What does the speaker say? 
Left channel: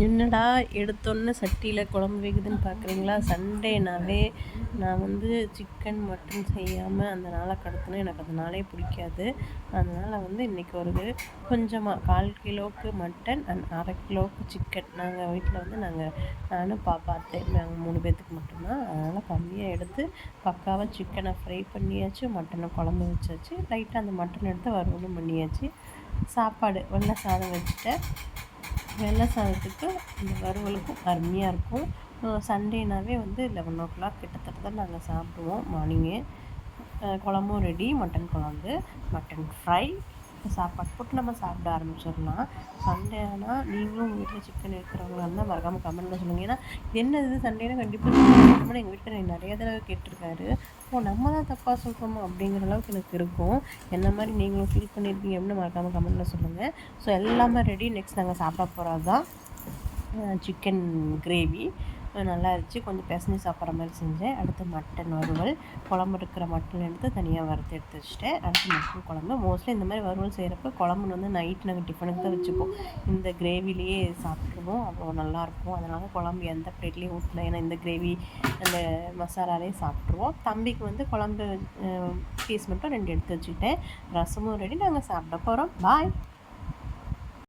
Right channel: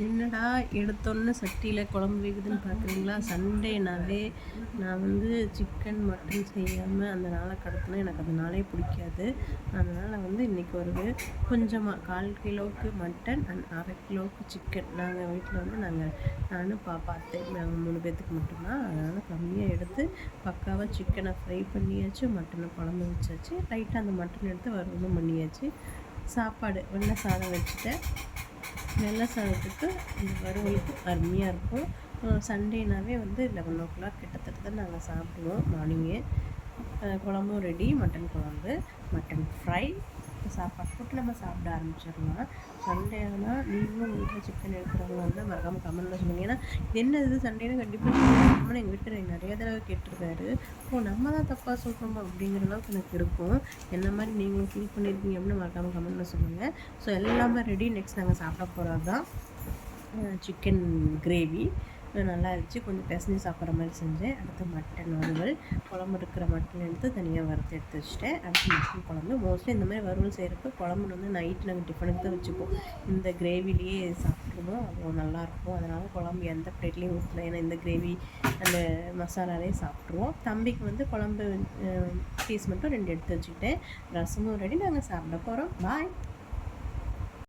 என்னடா எடுத்தோன்னே சட்டியில் குழம்பு வைக்குதுன்னு பார்க்குறீங்களா? சண்டேனாவே நான் சிக்கன் மட்டன் செய்யாமல் அந்த நாளை கடத்தினா எனக்கு அந்த நாளே பிடிக்காது. அதனால் இன்றைக்கி ஒரு கொஞ்சமாக 1/4 கிலோவுக்கு மட்டன் அண்ட் 1/2 கிலோவுக்கு சிக்கன். நாங்கள் வீட்டில் நானும் பாப்பா அத்தை நாங்கள் 3 பேர்த்துக்கு மட்டும்தான். அதனால் கம்மியாக எடுத்து பக்காவாக சிக்கனை ஃப்ரை பண்ணியாச்சு, மட்டனை குழம்பு வச்சாச்சு, லைட்டாக அந்த மட்டன் எடுத்து வறுவலும் பண்ணியாச்சு. சாப்பாடு வெள்ளை சாதம் வச்சுட்டேன். வெள்ளை சாதத்துக்கு இந்த வறுவலுக்கும் அருமையாக இருக்கும். சண்டேனாவே 11:00 கிட்டத்தட்ட தான் நாங்கள் சாப்பிடுவோம் மார்னிங்கே. குழம்பும் ரெடி, மட்டன் குழம்பு, மட்டன் ஃப்ரை, சாப்பாடு போட்டு நம்ம சாப்பிட ஆரம்பிச்சிடலாம். சண்டே ஆனால் நீங்களும் உங்கள் வீட்டில் சிக்கன் எடுக்கிறவங்களா இருந்தால் மறக்காமல் கமெண்ட்டில் சொல்லுங்கள். ஏன்னா என்னது சண்டேனா கண்டிப்பாக சிக்கன் எடுக்கணும்னு எங்கள் வீட்டில் நிறைய தடவை கேட்டிருக்காரு. நம்ம தான் தப்பாக சொல்கிறோமா அப்படிங்கிற அளவுக்கு எனக்கு இருக்கும். என்ன மாதிரி நீங்களும் ஃபீல் பண்ணியிருக்கீங்க அப்படின்னு மறக்காமல் கமெண்ட்டில் சொல்லுங்கள். ஸோ எல்லாமே ரெடி. நெக்ஸ்ட் நாங்கள் சாப்பிட போகிறது தான் சிக்கன் கிரேவி. நல்லா இருந்துச்சு. கொஞ்சம் பிசைஞ்சு சாப்பிட்ற மாதிரி செஞ்சேன். அடுத்து மட்டன் வறுவல், குழம்பு இருக்கிற மட்டன் எடுத்து தனியாக வறுத்து எடுத்து வச்சுட்டேன். அடுத்து மட்டன் குழம்பு. மோஸ்ட்லி இந்த மாதிரி வறுவல் செய்கிறப்ப குழம்பு நைட்டு நாங்கள் டிஃபனுக்கு தான் வச்சுப்போம். இந்த கிரேவிலேயே சாப்பிட்ருவோம், அவ்வளோ நல்லாயிருக்கும். அதனால் குழம்பு எந்த பிளேட்லேயும் ஊற்றல, ஏன்னா இந்த கிரேவி அந்த மசாலாலேயே சாப்பிட்ருவோம். தம்பிக்கு குழம்பு பீஸ் மட்டும் 2 எடுத்து வச்சுக்கிட்டேன். ரசமும் ரெடி. நாங்கள் சாப்பிட போகிறோம். பாய்.